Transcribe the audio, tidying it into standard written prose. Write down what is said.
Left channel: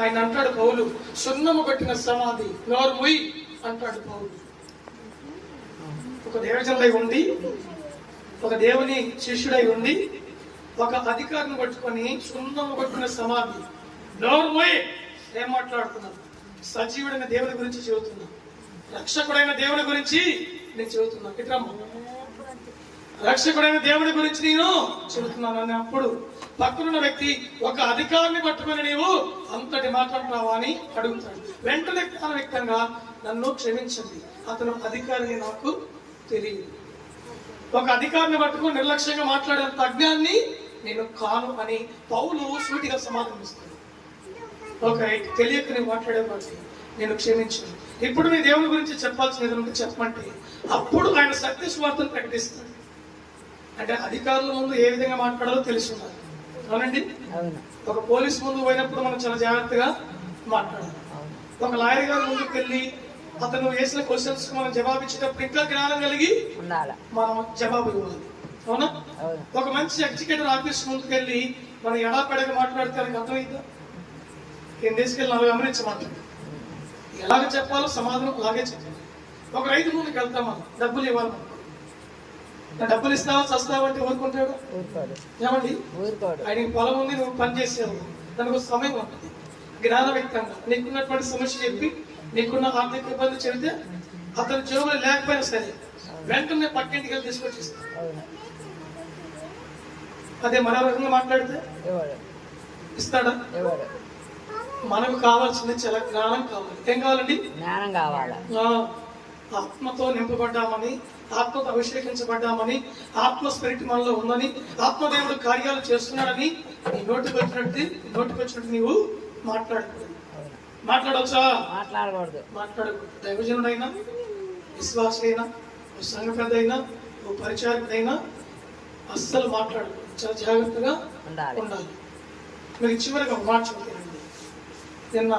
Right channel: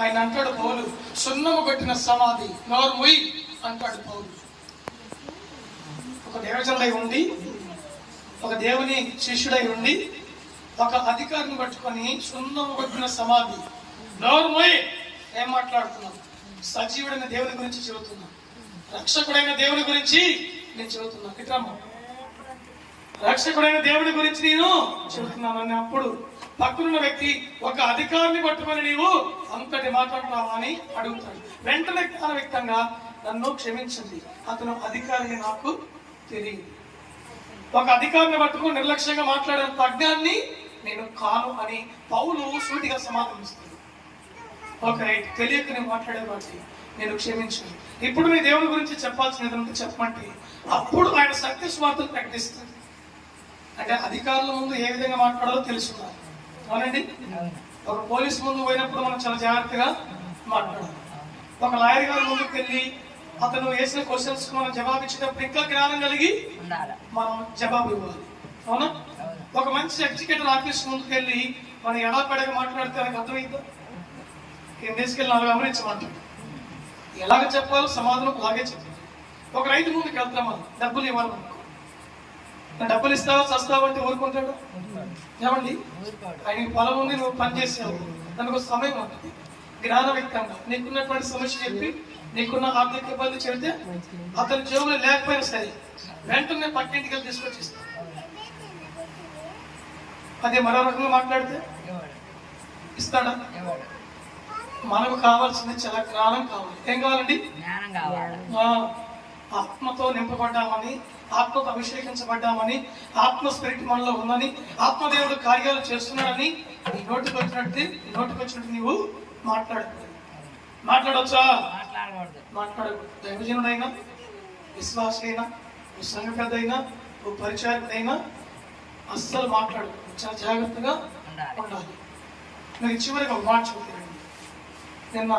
ఆయన అంటాడు పౌలు, సున్నము కొట్టిన సమాధి నోరు మొయ్యి అంటాడు పౌలు. ఒక దేవజనుడై ఉండి, ఒక దేవుని శిష్యుడై ఉండి, ఒక అధికారిని పట్టుకొని సున్నము కొట్టిన సమాధి నోరు మొయ్యి ఏం మాట్లాడుతున్నాను? సజీవుడైన దేవుని గురించి చెబుతున్నా, రక్షకుడైన దేవుని గురించి నేను చెబుతున్నా. ఇట్రమ్మ, రక్షకుడైన దేవుని గురించి నేను చెబుతున్నాను అని అప్పుడు పక్కనున్న వ్యక్తి, ఒక అధికారిని పట్టుకొని నీవు అంతటి మాట్లాడుతున్నావా అని అడుగుతాడు. వెంటనే వ్యక్తంగా, నన్ను క్షమించండి, అతను అధికారిని నాకు తెలియదు. ఒక అధికారిని పట్టుకుని నిర్లక్ష్యంగా మాట్లాడేంత అజ్ఞాన్ని నేను కాను అని పౌలు సూటిగా సమాధానిస్తాడు. ఒక తెలియక నేను మాట్లాడేవాడిని, నేను క్షమించను. ఇప్పుడు నీ దేవుని గురించి చెప్పాల్సినది ఉంటే చెప్పమంటే అప్పుడు ఆయన సత్య స్వార్థను ప్రకటిస్తాడు. అంటే అధికారుల ముందు ఏ విధంగా మాట్లాడాలో తెలుసున్నారు. అవునండి, ఒక పోలీస్ ముందు పోయినప్పుడు మనం చాలా జాగ్రత్తగా మాట్లాడాలి. ఒక లాయర్ గారి ముందుకు వెళ్ళి అతను వేసిన క్వశ్చన్స్ మనం జవాబు ఇచ్చేటప్పుడు ఇంకా జ్ఞానం కలిగి మనం జవాబు ఇవ్వాలి. అవునా? ఒక మంచి ఎగ్జిక్యూటివ్ ఆఫీస్ ముందుకు వెళ్ళి మనం ఎడాపడగా మాట్లాడితే మనకి అర్థమైందా? ఏం తీసుకెళ్ళి నాలుగు గమనించమంటాం. ఎలాగ చెప్పాలో సమాధానం అలాగే చెప్పాలి. ఒక రైతు ముందుకు వెళ్తాం, మనం డబ్బులు ఇవ్వాలి. డబ్బులు ఇస్తావా చస్తావా అంటే ఊరుకుంటాడు? ఏమండి, ఆయనకి పొలం ఉంది, నువ్వు పని చేసావు, దానికి ఒక సమయం ఉంటుంది. జ్ఞానవ్యక్తంగా నీకున్నటువంటి సమస్య చెప్పి, నీకున్న ఆర్థిక ఇబ్బంది చెబితే అతని జోబులు లేకపోయినా సరే వెంటనే పక్కింటికి వెళ్ళి తీసుకొచ్చి ఇస్తాను. అదే మరో రకంగా మాట్లాడితే ఇస్తాడా? మనకు కావాల్సింది చాలా జ్ఞానం కావాలి. ఏం కావాలండి? ఆత్మతో నింపబడ్డామని, ఆత్మతో అభిషేకించబడ్డామని, ఆత్మ స్పిరిట్ మనలో ఉందని, ఆత్మదేవుడు కార్యాలు చేస్తున్నాడని నోటికి వచ్చినట్టు నీవు మాట్లాడకూడదు. మాట్లాడవచ్చా? మాట్లాడకూడదు. దైవజనుడైనా, విశ్వాస అయినా, ఓ సంఘ పెద్ద అయినా, ఓ పరిచారకుడైనా అస్సలు మాట్లాడకూడదు. చాలా జాగ్రత్తగా ఉండాలి. మీరు చివరికి ఒక మాట చెప్తారండి. నిన్న